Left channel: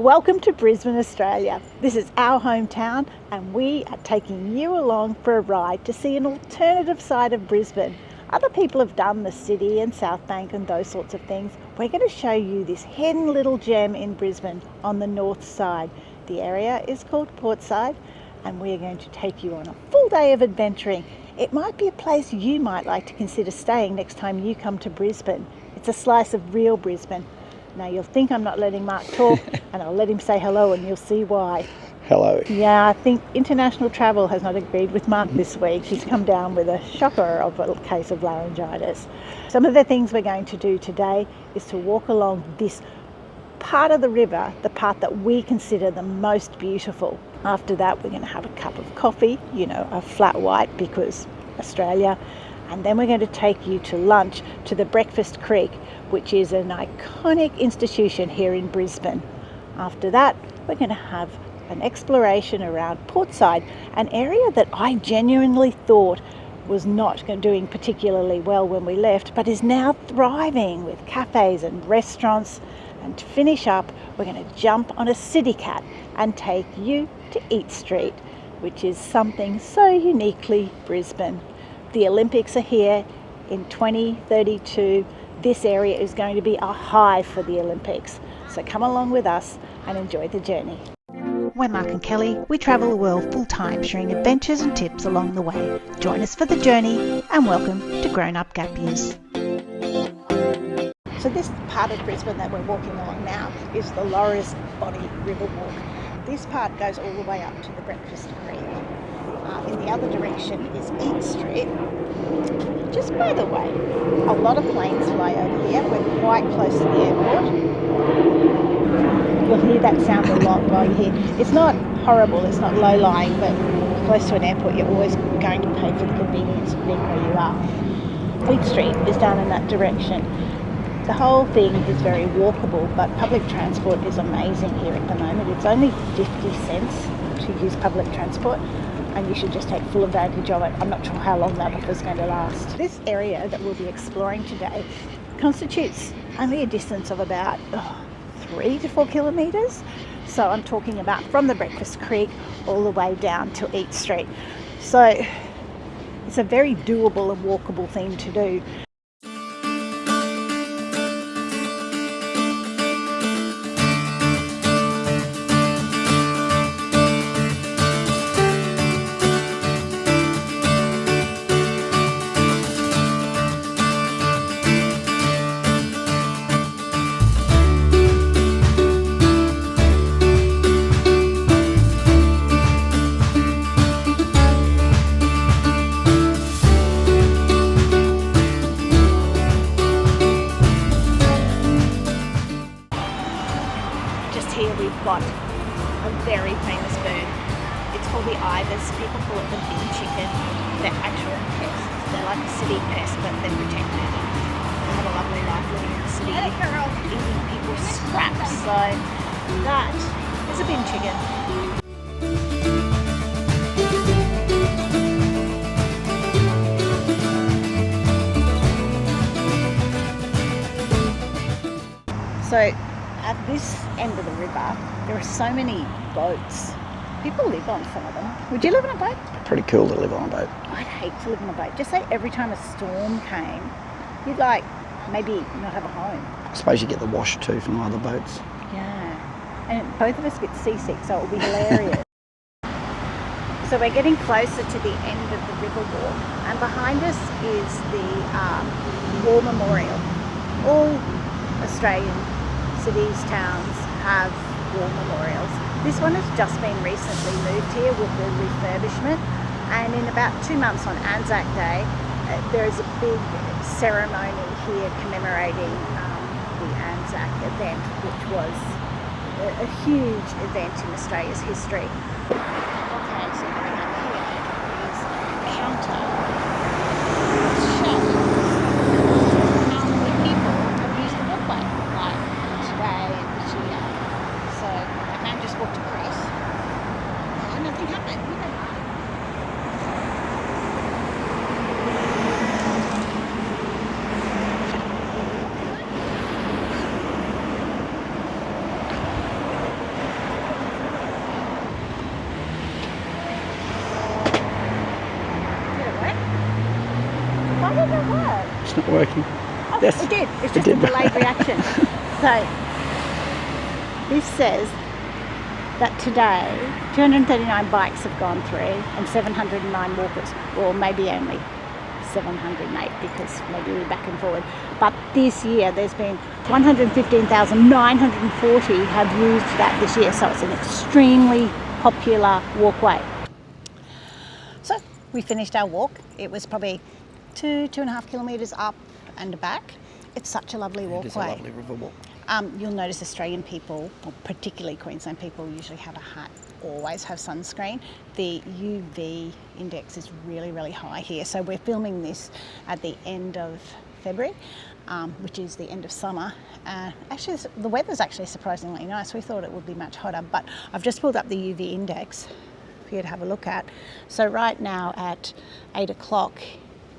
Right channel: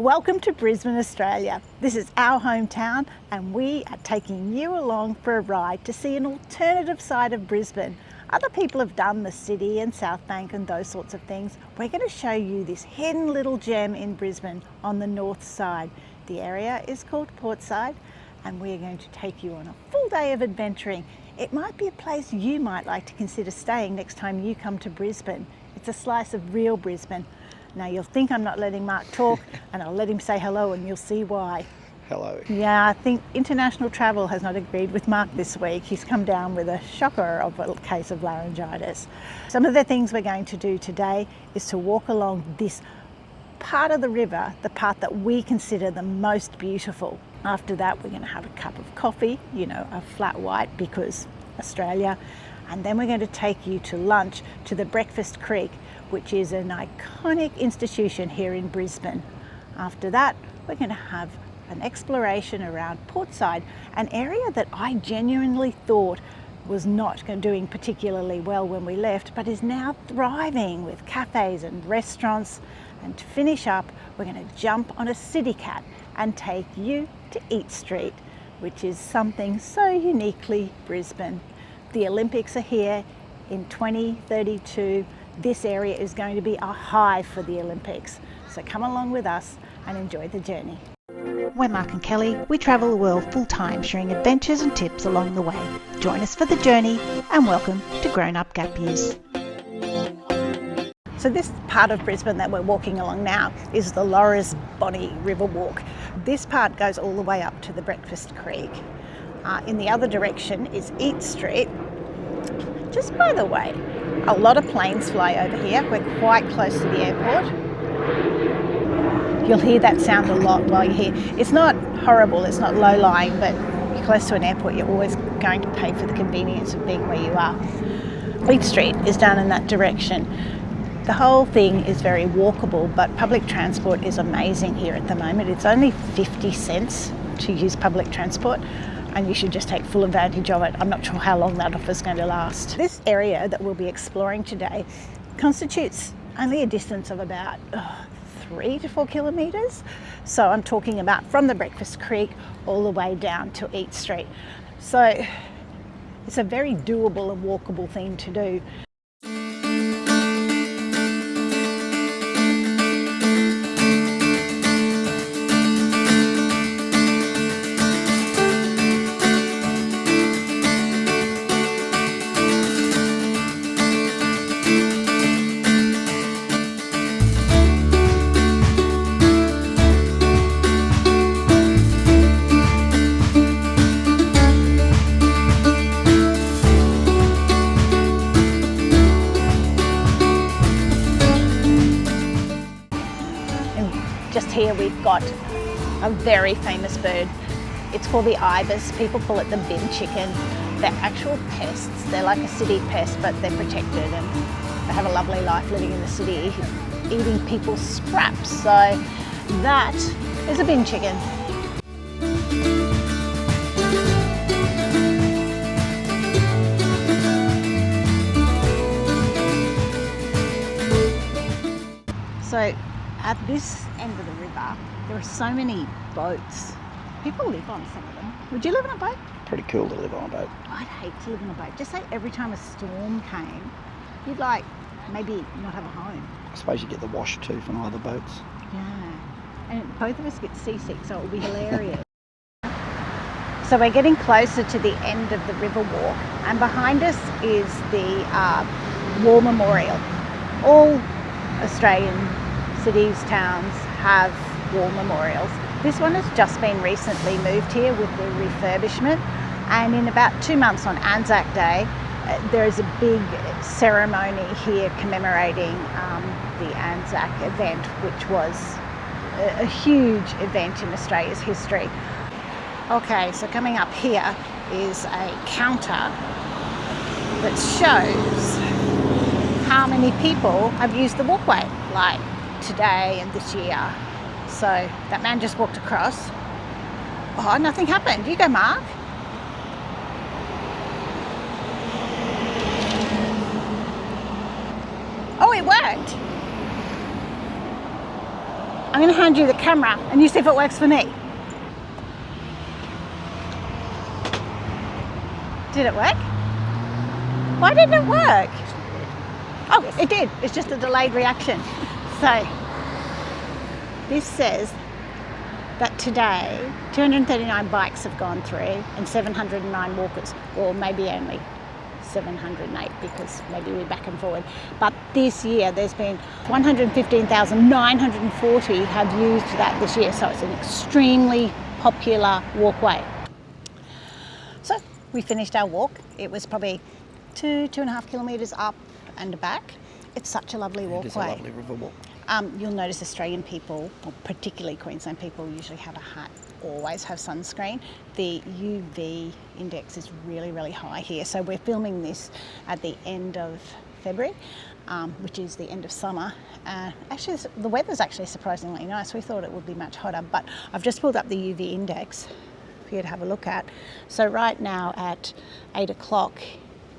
Welcome to Brisbane, Australia. This is our hometown and we are taking you along for a ride to see an alternative side of Brisbane. Other people have done the city and South Bank and those sorts of things. We're going to show you this hidden little gem in Brisbane on the north side. The area is called Portside and we're going to take you on a full day of adventuring. It might be a place you might like to consider staying next time you come to Brisbane. It's a slice of real Brisbane. Now you'll think I'm not letting Mark talk and I'll let him say hello and you'll see why. Hello. Yeah, I think international travel has not agreed with Mark this week. He's come down with a shocker of a case of laryngitis. Some of the things we're going to do today is to walk along this part of the river, the part that we consider the most beautiful. After that, we're going to have a cup of coffee, a flat white because Australia. And then we're going to take you to lunch to the Breakfast Creek, which is an iconic institution here in Brisbane. After that, we're going to have an exploration around Portside, an area that I genuinely thought was not doing particularly well when we left, but is now thriving with cafes and restaurants. And to finish up, we're going to jump on a CityCat and take you to Eat Street, which is something so uniquely Brisbane. The Olympics are here in 2032. This area is going to be a hive for the Olympics. So come along with us and enjoy the journey. We're Mark and Kelly. We travel the world full time, sharing adventures and tips along the way. Join us for the journey and welcome to Grown Up Gap Years. So this part of Brisbane that we're walking along now is the Brisbane River Walk. This part goes all the way up to the Breakfast Creek. In the other direction is Eat Street. Just by the way, a lot of planes fly over here. We're quite close to the airport. You'll hear that sound a lot while you're here. It's not horrible, it's not low-lying, but you're close to an airport, you're always going to pay for the convenience of being where you are. Eat Street is down in that direction. The whole thing is very walkable, but public transport is amazing here at the moment. It's only 50 cents to use public transport, and you should just take full advantage of it. I'm not sure how long that offer is going to last. This area that we'll be exploring today constitutes only a distance of about 3 to 4 kilometres. So I'm talking about from the Breakfast Creek all the way down to Eat Street. So it's a very doable and walkable thing to do. Here we've got a very famous bird. It's called the ibis. People call it the big chicken. They're actual pests. They're like a city pest, but they're protected and they have a lovely life living in the city, eating people's scraps. So that is a bin chicken. So at this end of the river, there are so many boats. People live on some of them. Would you live on a boat? Pretty cool to live on a boat. I'd hate to live on a boat. Just say every time a storm came, you'd maybe not have a home. I suppose you get the wash too from either boats. Yeah. And both of us get seasick, so it will be hilarious. So we're getting closer to the end of the river walk, and behind us is the War Memorial. All Australian cities, towns have war memorials. This one has just been recently moved here with the refurbishment, and in about 2 months on Anzac Day there is a big ceremony here commemorating the Anzac event, which was a huge event in Australia's history. Okay, so coming up here is a counter that shows how many people have used the walkway, like today and this year. So that man just walked across. Oh, nothing happened. You go, Mark. Oh, it worked. I'm going to hand you the camera and you see if it works for me. Did it work? Why didn't it work? It's not working. Oh, Yes, it did. It's just it a did. delayed reaction. So, this says that today 239 bikes have gone through and 709 walkers, or maybe only 708 because maybe we're back and forward. But this year there's been 115,940 have used that this year, so it's an extremely popular walkway. So we finished our walk. It was probably 2.5 kilometres up and back. It's such a lovely walkway. It is a lovely river walk. You'll notice Australian people, or particularly Queensland people, usually have a hat, always have sunscreen. The UV index is really, really high here. So we're filming this at the end of February, which is the end of summer. Actually, the weather's actually surprisingly nice. We thought it would be much hotter, but I've just pulled up the UV index for you to have a look at. So right now at 8 o'clock,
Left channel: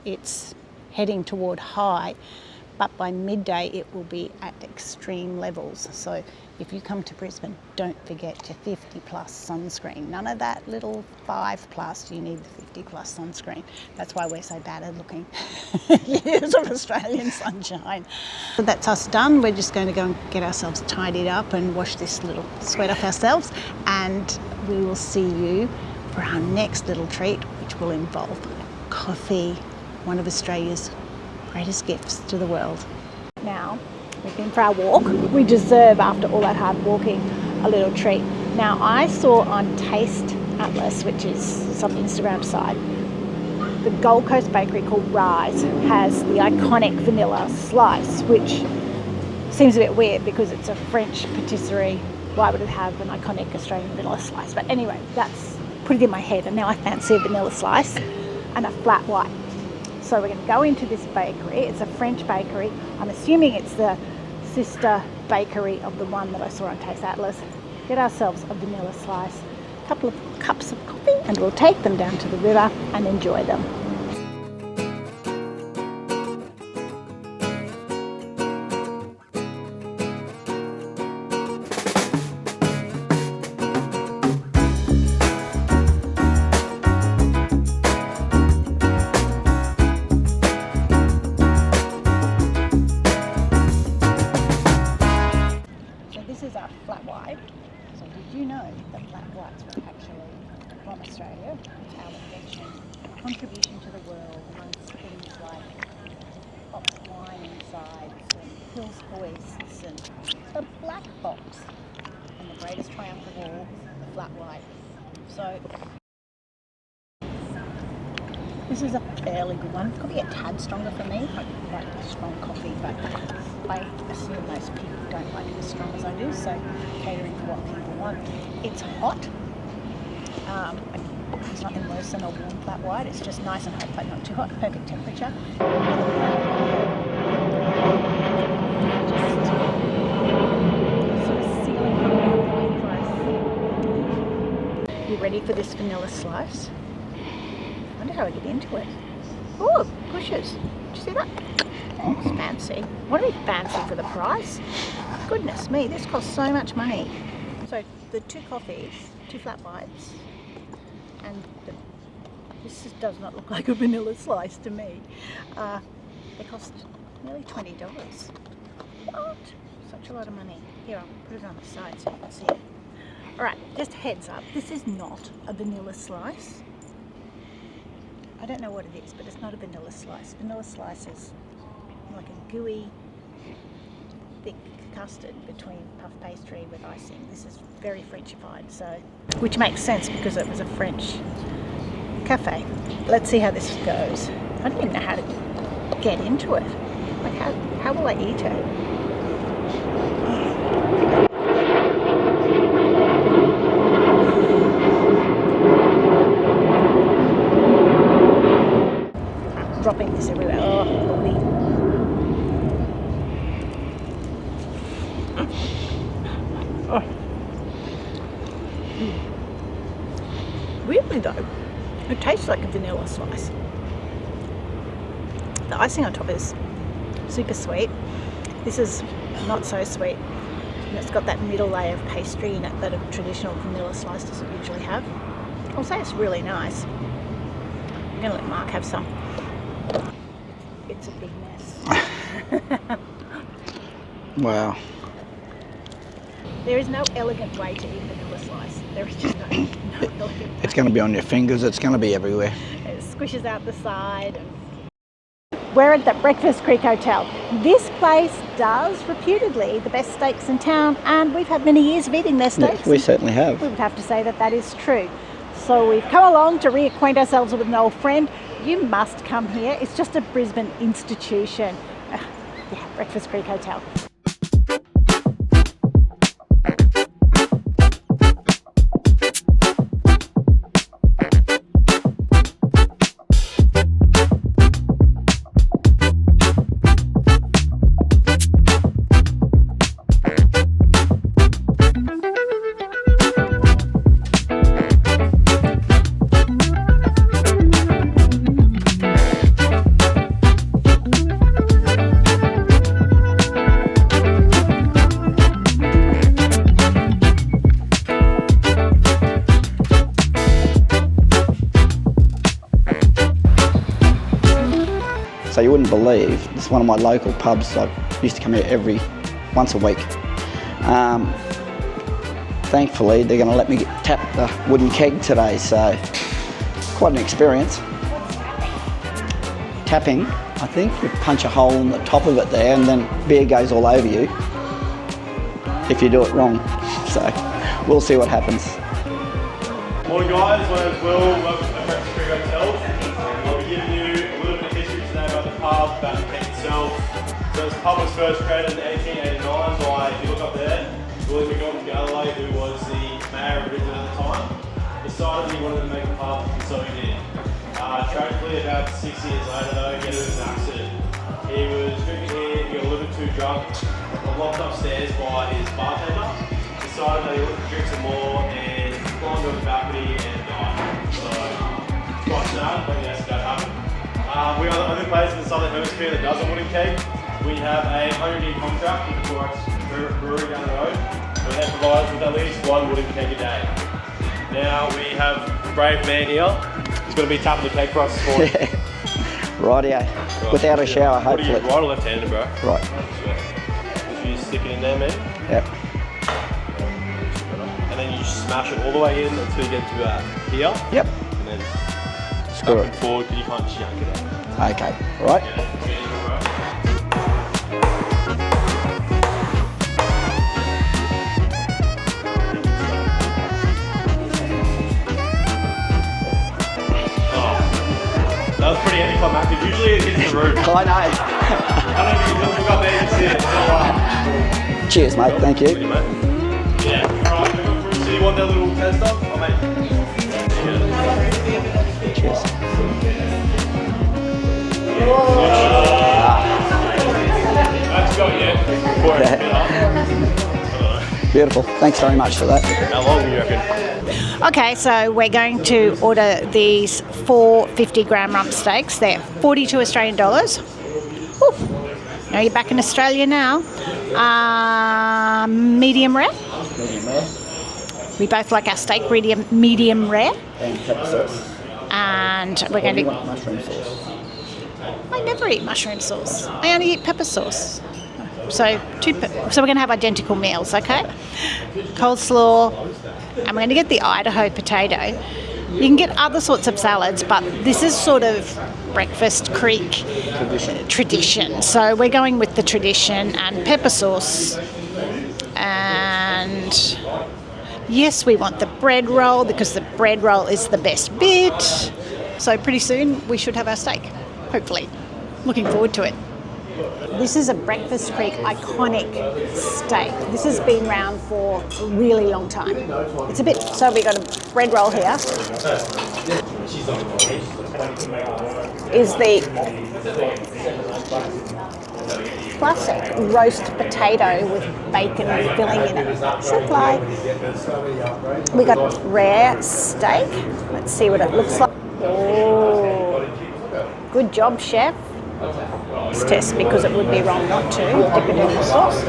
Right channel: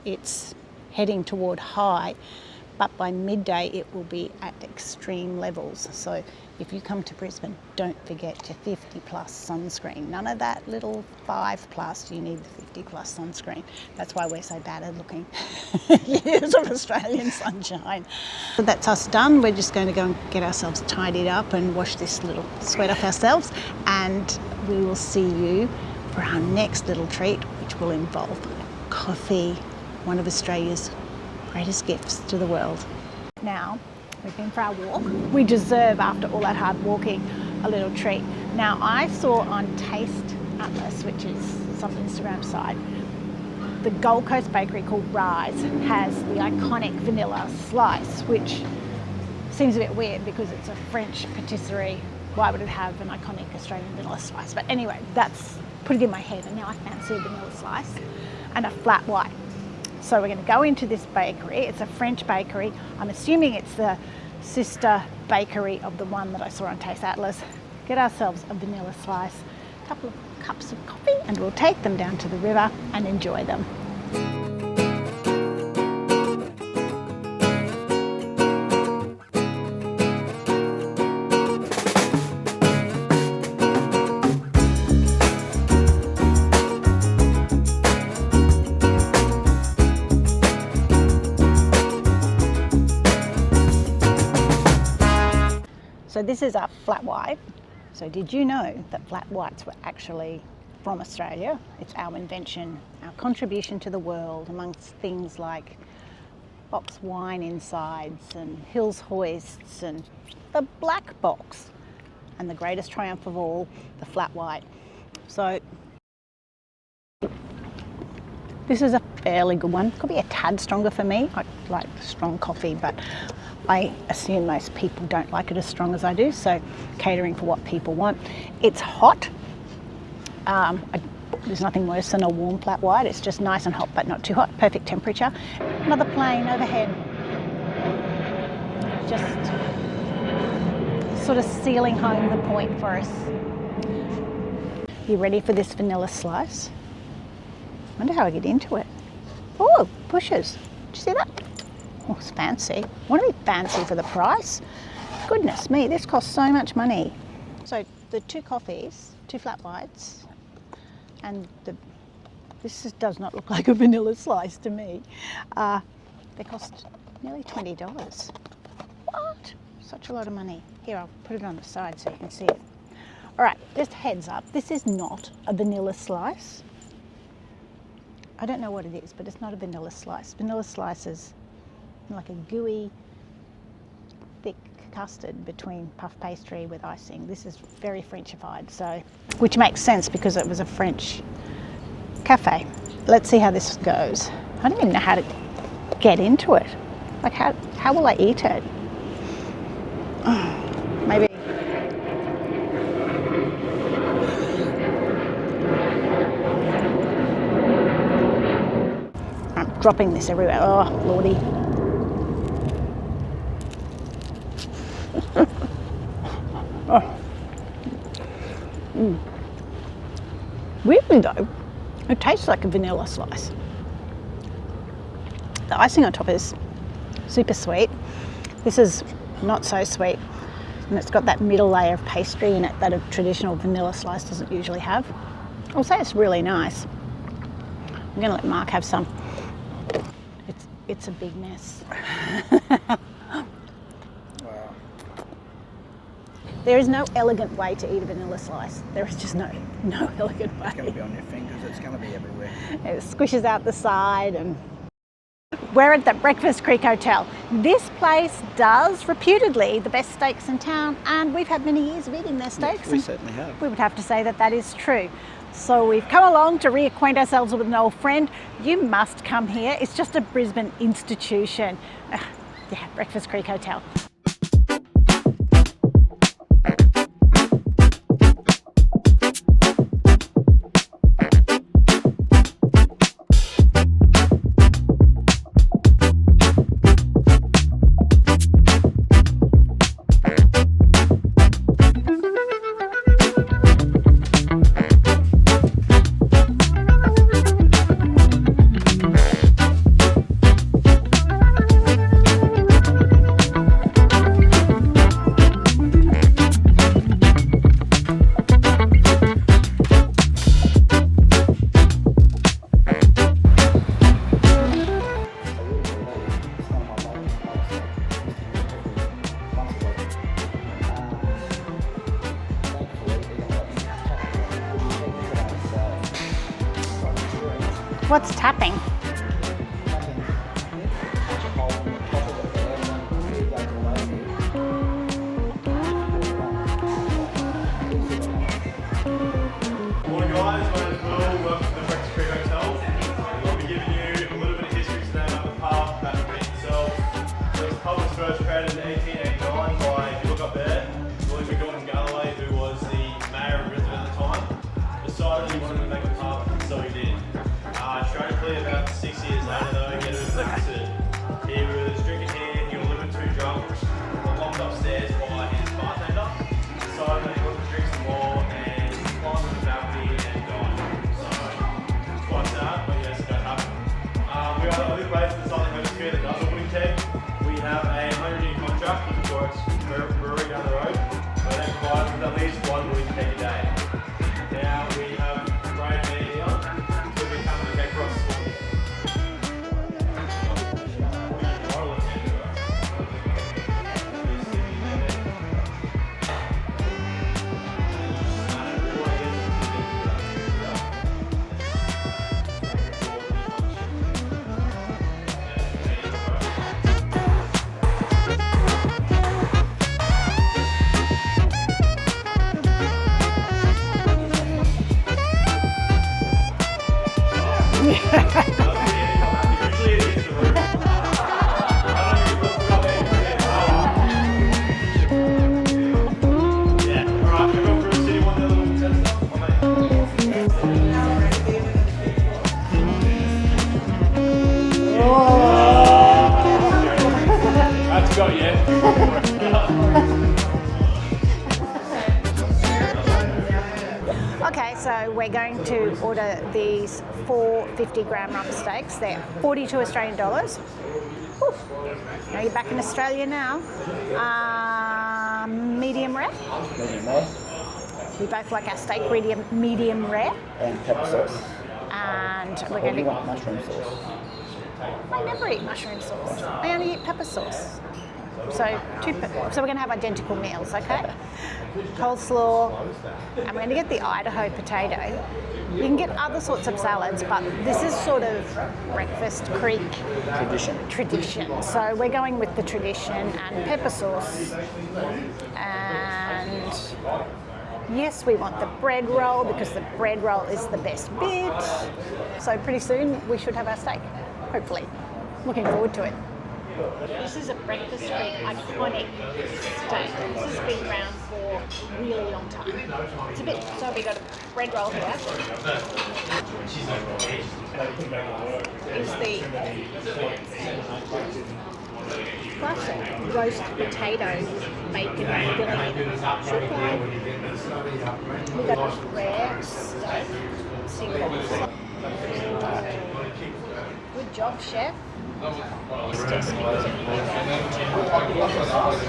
it's heading toward high, but by midday it will be at extreme levels. So if you come to Brisbane, don't forget your 50 plus sunscreen. None of that little 5 plus, you need the 50 plus sunscreen. That's why we're so bad at looking. Years of Australian sunshine. So that's us done. We're just going to go and get ourselves tidied up and wash this little sweat off ourselves, and we will see you for our next little treat, which will involve coffee, one of Australia's greatest gifts to the world. Now, we've been for our walk. We deserve, after all that hard walking, a little treat. Now, I saw on Taste Atlas, which is some Instagram site, the Gold Coast bakery called Rise has the iconic vanilla slice, which seems a bit weird because it's a French patisserie. Why would it have an iconic Australian vanilla slice? But anyway, that's put it in my head, and now I fancy a vanilla slice and a flat white. So we're going to go into this bakery. It's a French bakery. I'm assuming it's the sister bakery of the one that I saw on Taste Atlas. Get ourselves a vanilla slice, a couple of cups of coffee, and we'll take them down to the river and enjoy them. So this is our flat white. So did you know that flat whites were actually from Australia? It's our invention, our contribution to the world, amongst things like box wine insides and Hills hoists and the black box, and the greatest triumph of all, the flat white. So this is a fairly good one. Could be a tad stronger for me. I like strong coffee, but I assume most people don't like it as strong as I do, so catering for what people want. It's hot. There's nothing worse than a warm flat white. It's just nice and hot, but not too hot. Perfect temperature. Another plane overhead. Just sort of sealing home the point for us. You ready for this vanilla slice? I wonder how I get into it. Oh, bushes. Did you see that? Oh, it's fancy. I want to be fancy for the price. Goodness me, this costs so much money. So the 2 coffees, 2 flat whites, and this just does not look like a vanilla slice to me. They cost nearly $20. What? Such a lot of money. Here, I'll put it on the side so you can see it. All right, just heads up, this is not a vanilla slice. I don't know what it is, but it's not a vanilla slice. Vanilla slice is like a gooey, thick custard between puff pastry with icing. This is very Frenchified, so, which makes sense because it was a French cafe. Let's see how this goes. I don't even know how to get into it. Like how will I eat it? Maybe. I'm dropping this everywhere. Oh, lordy. Oh. Weirdly though, it tastes like a vanilla slice. The icing on top is super sweet. This is not so sweet. And it's got that middle layer of pastry in it that a traditional vanilla slice doesn't usually have. I'll say it's really nice. I'm going to let Mark have some. It's a big mess. Wow. There is no elegant way to eat a vanilla slice. There is just no elegant way. It's going to be on your fingers. It's going to be everywhere. It squishes out the side. And we're at the Breakfast Creek Hotel. This place does reputedly the best steaks in town, and we've had many years of eating their steaks. Yes, we certainly have. We would have to say that that is true. So we've come along to reacquaint ourselves with an old friend. You must come here. It's just a Brisbane institution. Yeah, Breakfast Creek Hotel. So you wouldn't believe, this is one of my local pubs. I used to come here once a week. Thankfully, they're going to let me tap the wooden keg today, so quite an experience. What's tapping? Tapping, I think, you punch a hole in the top of it there and then beer goes all over you if you do it wrong. So we'll see what happens. Morning guys, my name is Will, welcome to Breakfast Creek Hotel. I'll be giving you a little bit of history today about the pub, about the creek itself. So this pub was first created in 1889 by, if you look up there, Bluey Exhibition, who was the mayor of Brisbane at the time. Decided he wanted to make a pub, so he did. Tragically, about 6 years later though, he got into an accident. He was drinking here, he got a little bit too drunk, got locked upstairs by his bartender. Decided that he wanted to drink some more and climbed to a balcony and died. So, quite sad, but yes, that happened. We are the only place in the Southern Hemisphere that does a wooden keg. We have a 100-year contract with the Bluey Brewery down the road, and they provide us with at least one wooden keg a day. Now we have a brave man here. He's going to be tapping the keg for us this morning. Rightio. Without a shower, What are you, hopefully. right or left-handed, bro? Right. So you just stick it in there, man. Yep. And then you just smash it all the way in until you get to here. Yep. And then Screw it. forward, you punch it. Okay. Right. That was pretty anticlimactic. Usually it hits the roof. I know. I don't know if you look up there and see it. Cheers, mate. Thank you. Yeah. Alright. So you want that little tester? I'll make Cheers. That's got you. Beautiful. Thanks very much for that. How long do you reckon? Okay, so we're going to order these 4 50-gram rump steaks. They're 42 Australian dollars. Ooh. Now you're back in Australia now. Medium rare. Medium rare. We both like our steak medium rare. And pepper sauce. And we're going You to... want mushroom sauce? I never eat mushroom sauce. I only eat pepper sauce. So we're going to have identical meals, okay? Coleslaw, and we're going to get the Idaho potato. You can get other sorts of salads, but this is sort of Breakfast Creek tradition. So we're going with the tradition and pepper sauce. And yes, we want the bread roll because the bread roll is the best bit. So pretty soon we should have our steak, hopefully. Looking forward to it. This is a Breakfast Creek iconic steak. This has been around for a really long time. It's a bit, so we got a bread roll here. Is the classic roast potato with bacon filling in it. Supply. We got rare steak. Let's see what it looks like. Oh, good job, chef. Let's test because it would be wrong not to dip it in the sauce.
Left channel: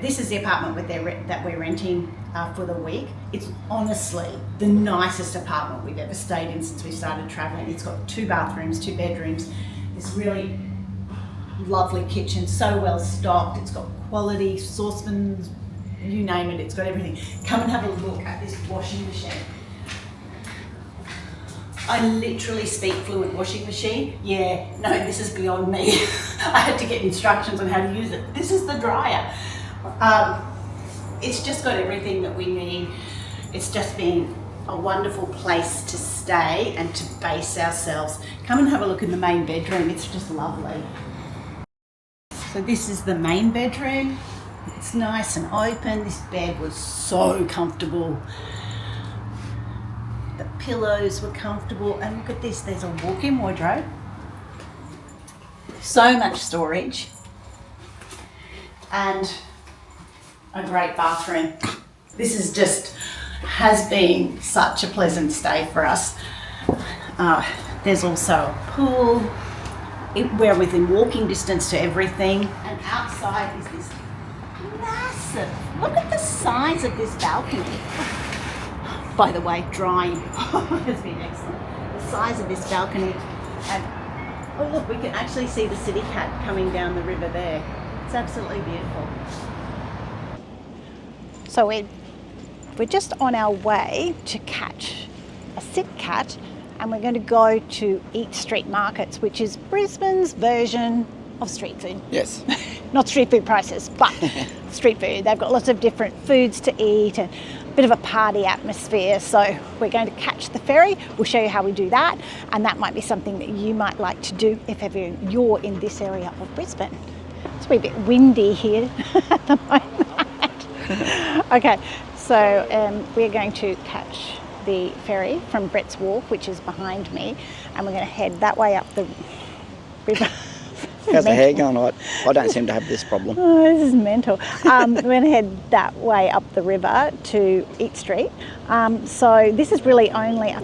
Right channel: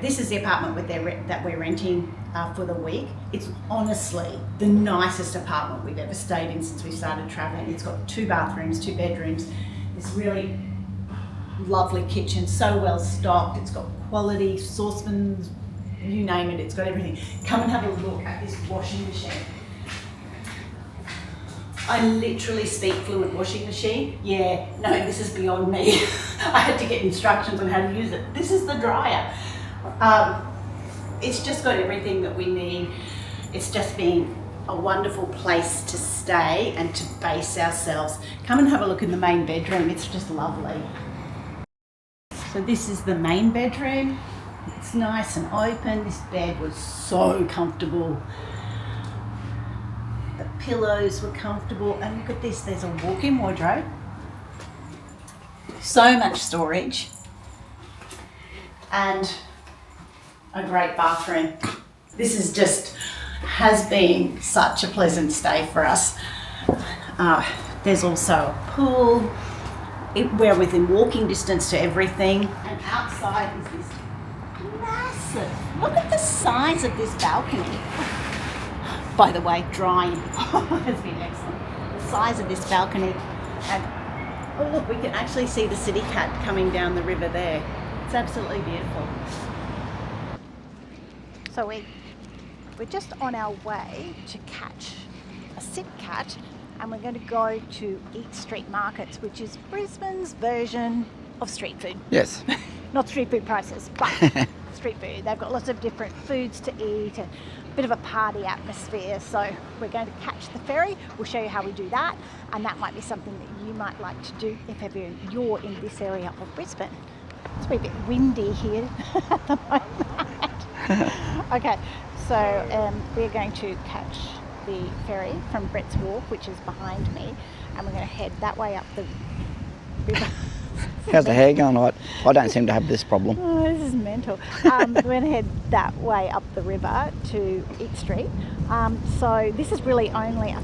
This is the apartment that we're renting for the week. It's honestly the nicest apartment we've ever stayed in since we started travelling. It's got 2 bathrooms, 2 bedrooms, this really lovely kitchen, so well stocked. It's got quality saucepans, you name it, it's got everything. Come and have a look at this washing machine. I literally speak fluent washing machine. Yeah, no, this is beyond me. I had to get instructions on how to use it. This is the dryer. It's just got everything that we need. It's just been a wonderful place to stay and to base ourselves. Come and have a look in the main bedroom. It's just lovely. So this is the main bedroom. It's nice and open. This bed was so comfortable. The pillows were comfortable. And look at this, there's a walk-in wardrobe. So much storage. And a great bathroom. This is just, has been such a pleasant stay for us. There's also a pool. We're within walking distance to everything. And outside is this massive, look at the size of this balcony. By the way, drying has been excellent. The size of this balcony. And oh look, we can actually see the CityCat coming down the river there. It's absolutely beautiful. So we're just on our way to catch a CityCat, and we're going to go to Eat Street Markets, which is Brisbane's version of street food. Yes. Not street food prices, but street food. They've got lots of different foods to eat and a bit of a party atmosphere. So we're going to catch the ferry. We'll show you how we do that, and that might be something that you might like to do if ever you're in this area of Brisbane. It's a wee bit windy here at the moment. Okay, so we're going to catch the ferry from Brett's Walk, which is behind me, and we're going to head that way up the river. How's the hair going? I don't seem to have this problem. Oh, this is mental. We're going to head that way up the river to Eat Street. So this is really only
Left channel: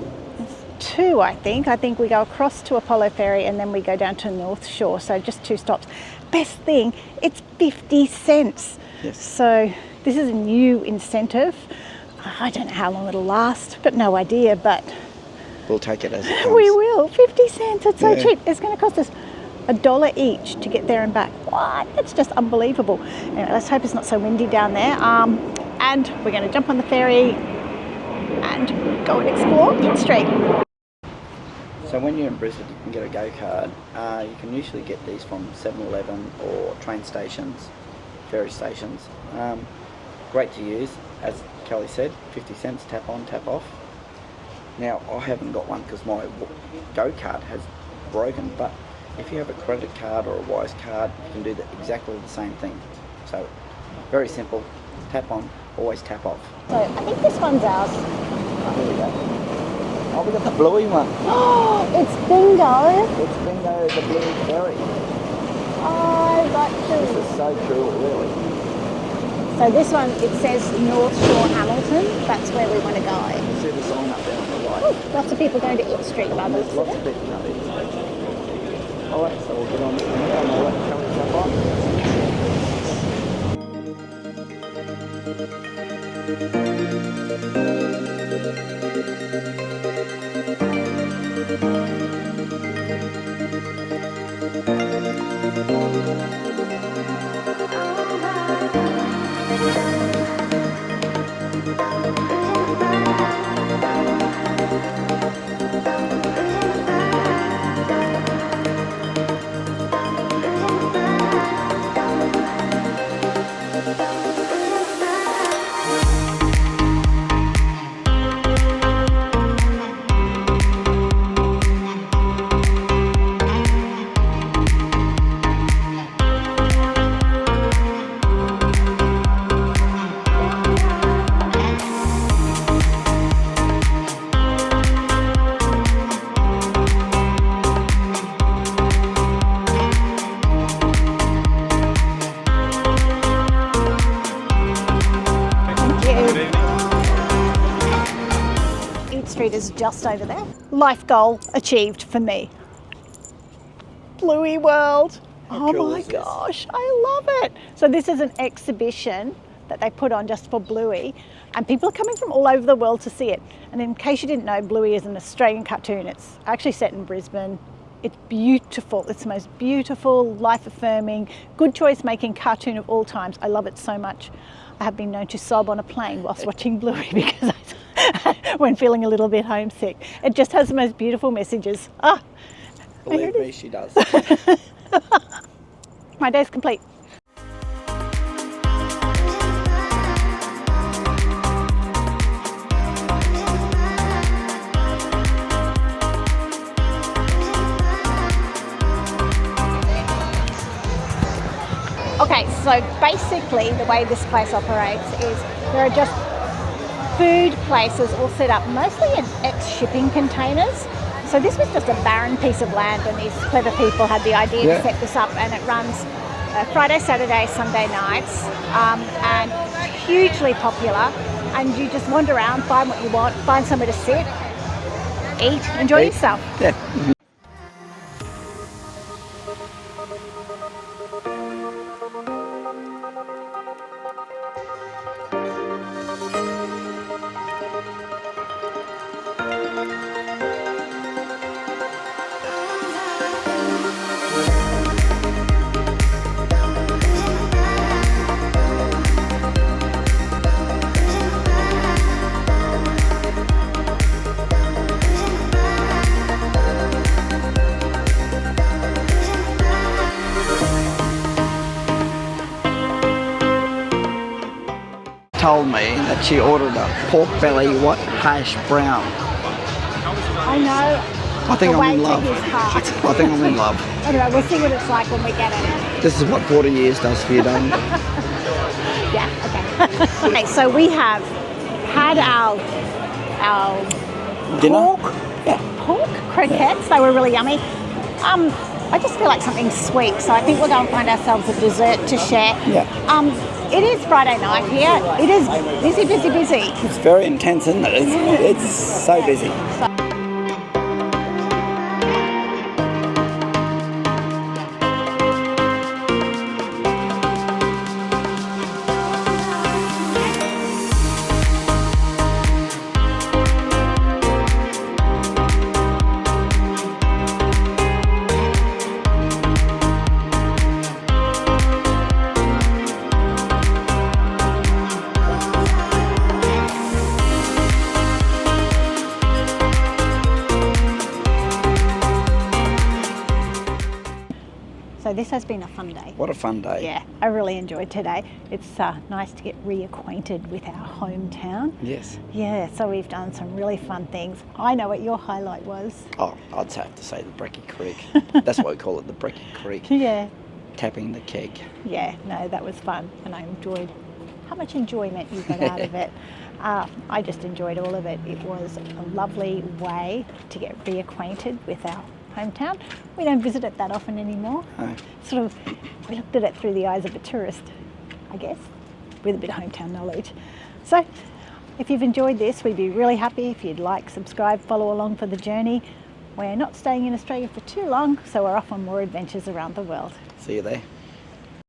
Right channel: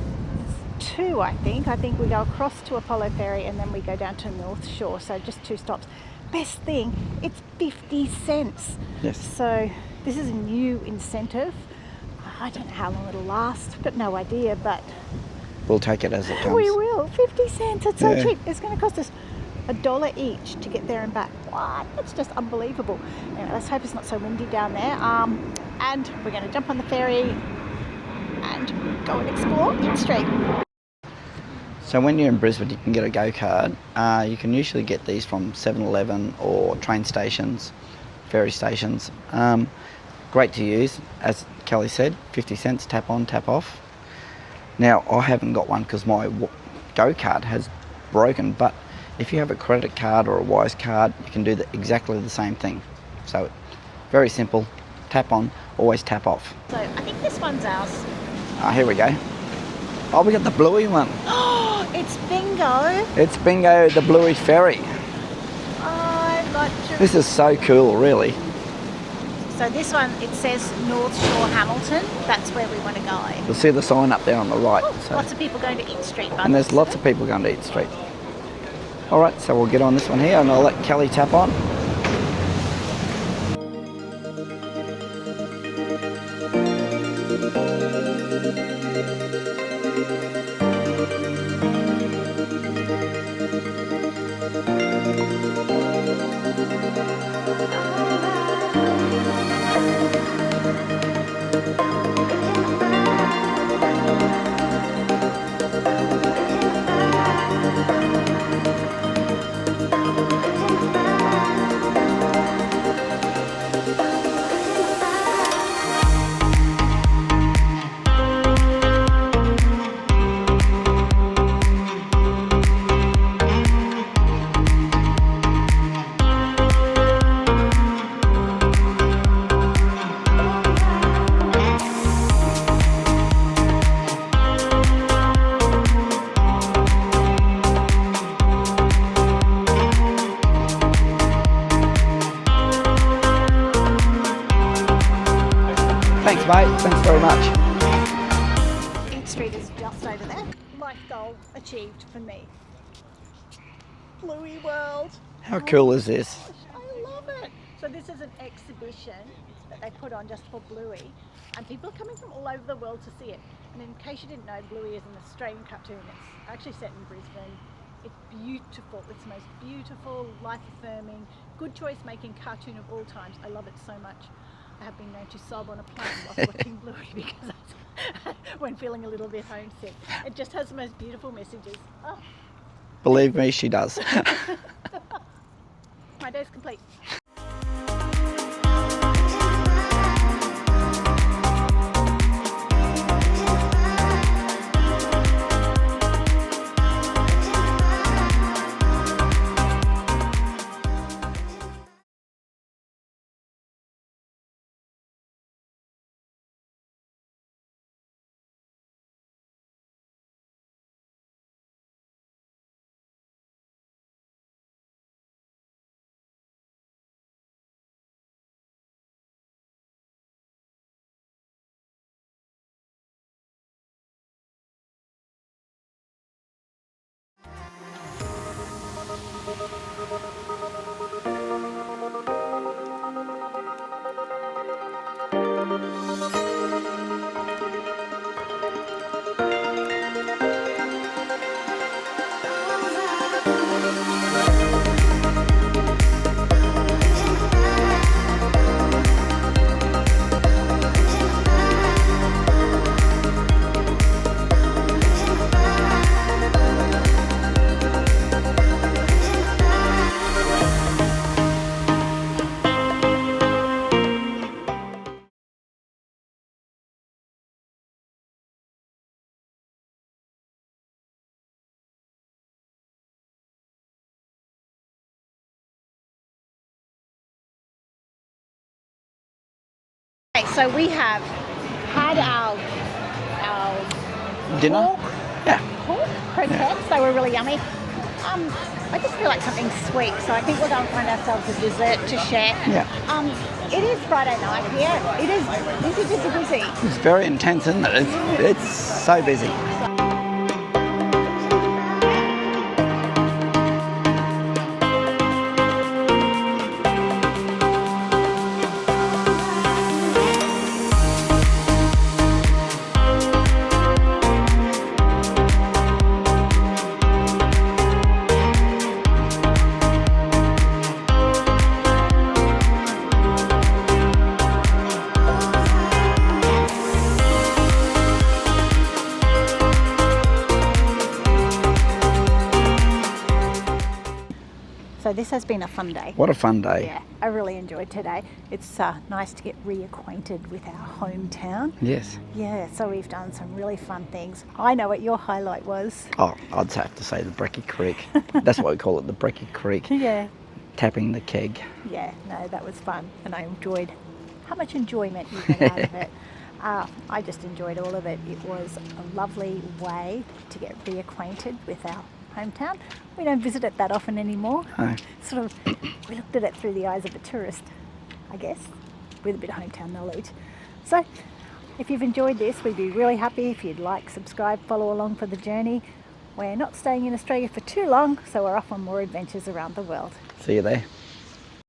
2, I think. I think we go across to Apollo Ferry and then we go down to North Shore. So just 2 stops. Best thing, it's 50 cents. Yes. So this is a new incentive. I don't know how long it'll last, but no idea. But we'll take it as it comes. We will. 50 cents. It's so cheap. It's going to cost us $1 each to get there and back. What? It's just unbelievable. Anyway, let's hope it's not so windy down there. And we're going to jump on the ferry and go and explore Eat Street. So when you're in Brisbane, you can get a go-card. You can usually get these from 7-Eleven or train stations, ferry stations. Great to use, as Kelly said, 50 cents, tap on, tap off. Now, I haven't got one because my go-card has broken, but if you have a credit card or a Wise card, you can do exactly the same thing. So, very simple, tap on, always tap off. So, I think this one's ours. Here we go. Oh, we got the Bluey one. Oh, it's bingo. It's bingo, the Bluey Ferry. I got to. This is so cool, really. So this one, it says North Shore Hamilton. That's where we want to go. You see the sign up there on the right. Ooh, lots of people going to Eat Street, by And there's lots of people going to Eat Street. All right, so we'll get on this one here and I'll let Kelly tap on. Street is just over there. Life goal achieved for me. Bluey World. How cool is this? Oh my gosh, I love it. So this is an exhibition that they put on just for Bluey, and people are coming from all over the world to see it. And in case you didn't know, Bluey is an Australian cartoon. It's actually set in Brisbane. It's beautiful. It's the most beautiful, life-affirming, good choice-making cartoon of all times. I love it so much. I have been known to sob on a plane whilst watching Bluey because when feeling a little bit homesick. It just has the most beautiful messages. Ah, Believe me, she does. my day's complete. Okay, so basically the way this place operates is there are just food places all set up, mostly in ex-shipping containers. So this was just a barren piece of land, and these clever people had the idea to set this up, and it runs Friday, Saturday, Sunday nights, and hugely popular. And you just wander around, find what you want, find somewhere to sit, eat, enjoy yourself. Yeah. Told me that she ordered a pork belly what hash brown. I know. I think the I'm way in to love. his heart. I think I'm in love. Anyway, we'll see what it's like when we get it. This is what 40 years does for you, don't it? Yeah, okay. Okay, so we have had our Dinner? pork croquettes. They were really yummy. I just feel like something sweet, so I think we're going to find ourselves a dessert to share. Yeah. It is Friday night here. It is busy, busy, busy. It's very intense, isn't it? It's so busy. So this has been a fun day. What a fun day. Yeah, I really enjoyed today. It's nice to get reacquainted with our hometown. Yes. Yeah, so we've done some really fun things. I know what your highlight was. Oh, I'd have to say the Brecky Creek. That's what we call it, the Brecky Creek. Yeah. Tapping the keg. Yeah, no, that was fun, and I enjoyed how much enjoyment you got out of it. I just enjoyed all of it. It was a lovely way to get reacquainted with our hometown. We don't visit it that often anymore. No. Sort of, we looked at it through the eyes of a tourist, I guess, with a bit of hometown knowledge. So, if you've enjoyed this, we'd be really happy if you'd like, subscribe, follow along for the journey. We're not staying in Australia for too long, so we're off on more adventures around the world. See you there.